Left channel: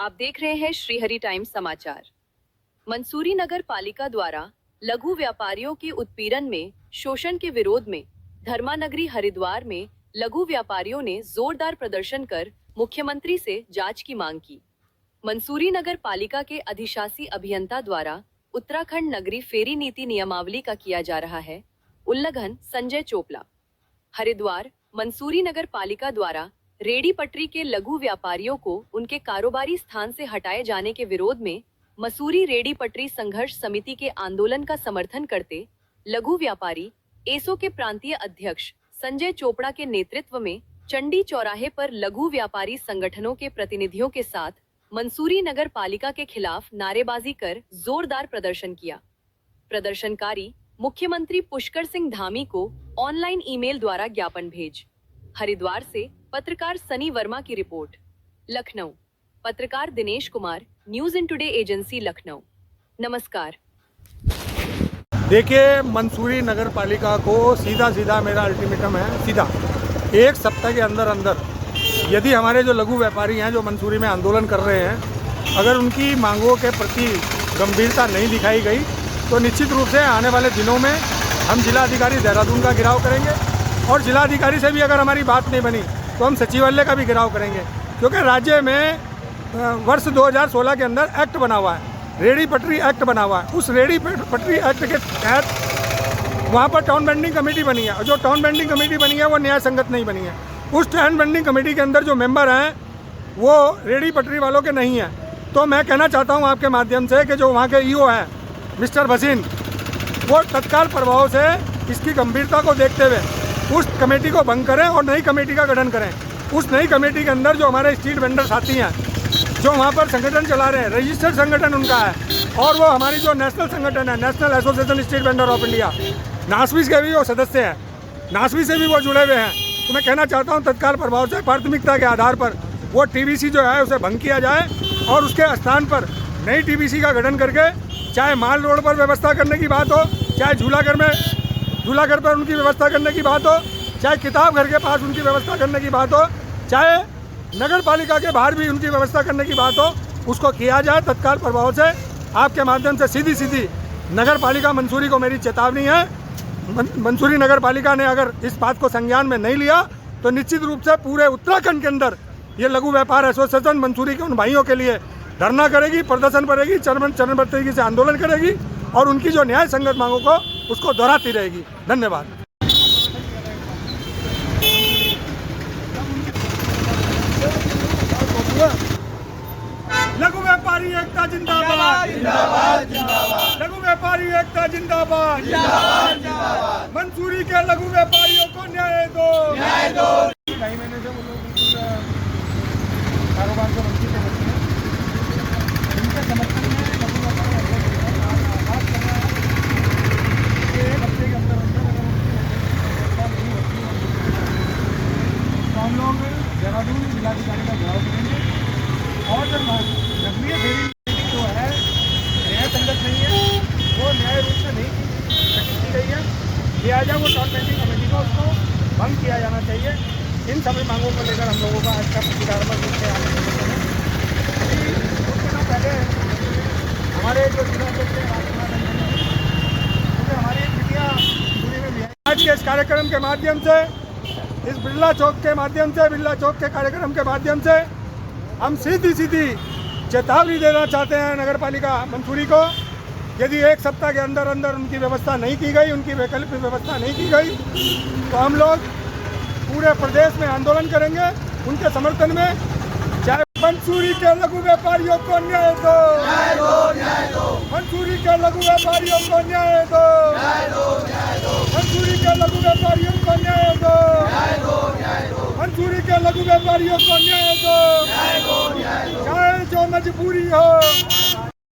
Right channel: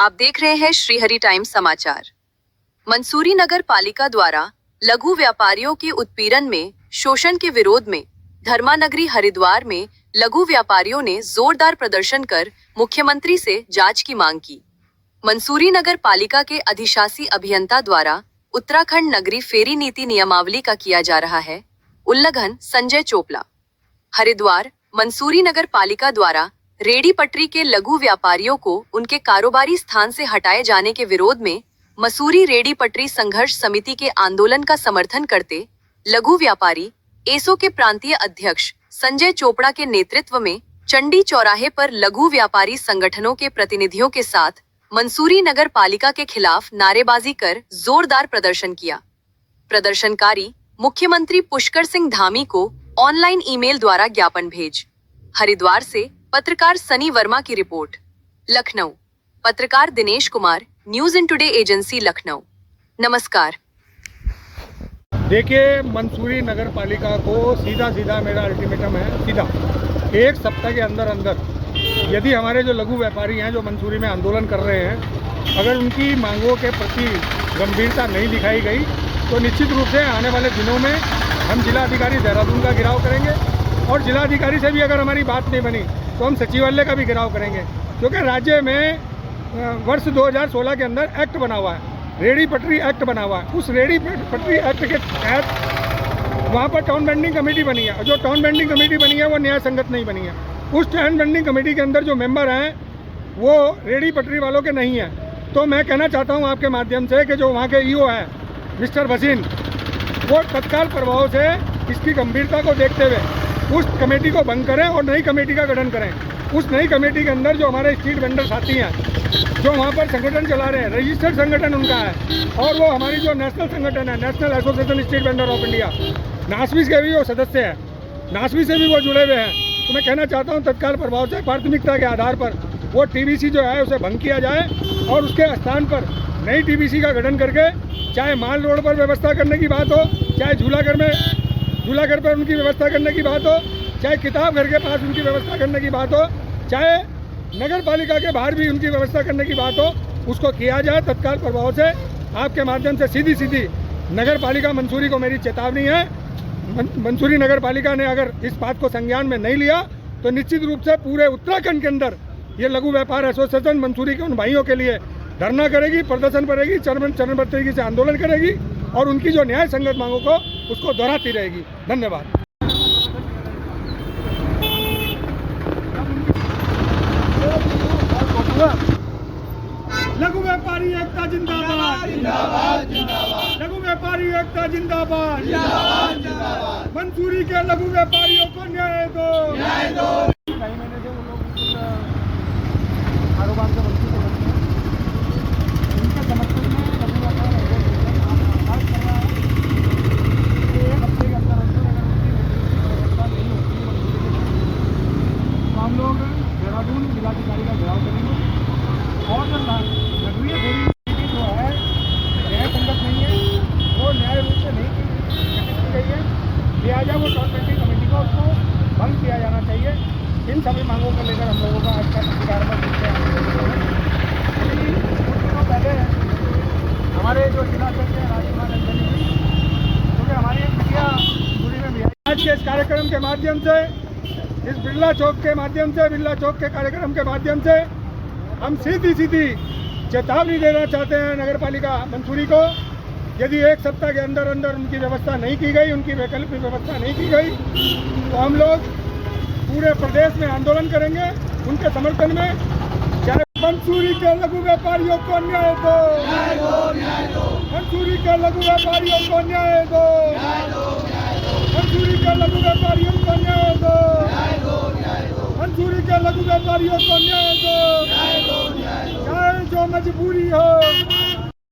आप देख रहे हैं श्रीहरि टाइम्स समाचार। मंसूरी नगर पालिका द्वारा लघु व्यापारियों के उत्पीड़न में शोषण के विरोध में धर्मानगरी हरिद्वार में लघु व्यापारियों ने जोरदार प्रदर्शन कर मुख्यमंत्री से जांच की मांग की। मंसूरी नगर पालिका के अधिशासी अभियंता द्वारा उत्तराखंड नगरी फेरी नीति नियमावली का किया जा रहा है उल्लंघन। संजय चोपड़ा। हरिद्वार मंसूरी नगर पालिका द्वारा रेडी पटरी के लघु व्यापारियों को उनके कारोबारी स्थान से हटाए जाने के विरोध में मसूरी रेडी पटरी संघर्ष समिति के आंदोलन का समर्थन करते लघु व्यापारी एसो के प्रांतीय अध्यक्ष संजय चोपड़ा के नेतृत्व में चंडी चौराहे पर लघु व्यापारी संगठनों के प्रतिनिधियों के साथ मंसूरी नगर पालिका के खिलाफ नारेबाजी कर जोरदार प्रदर्शन किया। प्रदर्शनकारी मुख्यमंत्री पुष्कर सिंह धामी को ऑनलाइन ईमेल द्वारा ज्ञापन भेज। हरिद्वार से पत्रकार सनी वर्मा की रिपोर्ट। लखनऊ पत्रकार Dinesh Kumar, news in today agency Lucknow. नमस्कार। देखिए, मंसूरी नगर पालिका को सीधा मेरा अल्टीमेटम है, सीधा 1 सप्ताह के अंदर यदि हमारे जो लघु व्यापारी हैं जो मंसूरी में आंदोलन कर रहे हैं, अगर उनकी मांगों के प्रति गंभीरता नहीं दिखाई गई तो निश्चित रूप से आने वाले दिनों में हम जिलाधिकारी देहरादून का घेराव करेंगे और जिलाधिकारी से भी अगर हमारी बात नहीं बनी तो हम सचिवालय का भी घेराव करेंगे, क्योंकि राज्य में वर्ष 2016 के अंदर एक्ट बना हुआ है, रेडी पटरी एक्ट बना हुआ है। उस रेडी पटरी एक्ट के तहत वहाँ पर टाउन बेंडिंग कमेटी बनी है और जो टाउन बेंडिंग कमेटी बनी है वो न्याय संगत नहीं बनी है। उस टाउन बेंडिंग कमेटी के अंदर जो मेंबर हैं वो रेडी पटरी वालों के नहीं हैं। तो मैं कहना चाहता हूँ आपके माध्यम से कि जो वहाँ के ईओ हैं मिस्टर भसीन, वो तत्काल प्रभाव से इसकी गंभीरता को देखते हुए उस कमेटी को भंग करें और नई कमेटी का गठन करें। उस नई कमेटी के अंदर जो हमारे स्ट्रीट वेंडर साथी हैं जो वहाँ पर संगठन चला रहे हैं, रजिस्टर्ड संगठन उनका है और वो हमारी जो नेशनल संगठन है, national association street vendor of India, NASVI के भी वो सदस्य हैं, नासवी से भी वो जुड़े हुए हैं। तो मैं कहना चाहता हूँ तत्काल प्रभाव से प्राथमिकता के आधार पर वो टीबीसी जो है उसे भंग किया जाए और उसके स्थान पर नई टीबीसी का गठन करके चाहे माल रोड पर व्यवस्था करने की बात हो, चाहे झूलाघर पर उनकी व्यवस्था करने की बात हो, चाहे किताब घर के पास उनकी व्यवस्था करने की बात हो, चाहे नगर पालिका के बाहर भी उनकी व्यवस्था करने की बात हो, उसको किया जाए तत्काल प्रभाव से। आपके माध्यम से सीधी नगर पालिका मंसूरी को मेरी चेतावनी है। मंसूरी नगर पालिका ने अगर इस बात को संज्ञान में नहीं लिया तो निश्चित रूप से पूरे उत्तराखंड के अंदर ये लघु व्यापार एसोसिएशन मंसूरी के उन भाइयों के लिए धरना करेगी, प्रदर्शन करेगी, चरणबद्ध तरीके से आंदोलन करेगी और उनकी जो न्याय संगत मांगों को उसको दोहराती रहेगी। धन्यवाद। लघु व्यापारी एकता जिंदाबाद, लघु व्यापारी एकता जिंदाबाद, मंसूरी के लघु व्यापारियों को न्याय दो। और जो नगरीय फेरी जो है न्याय संगत नहीं है, वो न्याय रूप से नहीं की गई है, किया जाए वो टाउन बेंडिंग कमेटी को उसको भंग किया जाना चाहिए। इन सभी मांगों को लेकर हम लोगों का आज का प्रतिकार में पहले हमारे जो हमारी एक मीडिया दूरी में भी आज के इस कार्यक्रम के माध्यम से, इस बिरला चौक के माध्यम से, बिरला चौक के कार्यक्रम के माध्यम से हम सीधी चेतावनी देना चाहते हैं नगर पालिका मंसूरी को। यदि 1 सप्ताह के अंदर उनकी व्यवस्था नहीं की गई, उनकी वैकल्पिक व्यवस्था नहीं की गई तो हम लोग पूरे प्रदेश में आंदोलन करेंगे उनके समर्थन में। चाहे मंसूरी के लघु व्यापारियों को न्याय दो, मंसूरी के लघु व्यापारियों को न्याय दो, मंसूरी के लघु व्यापारियों को न्याय दो, मंसूरी के लघु व्यापारियों को न्याय दो, चाहे जो मजबूरी हो।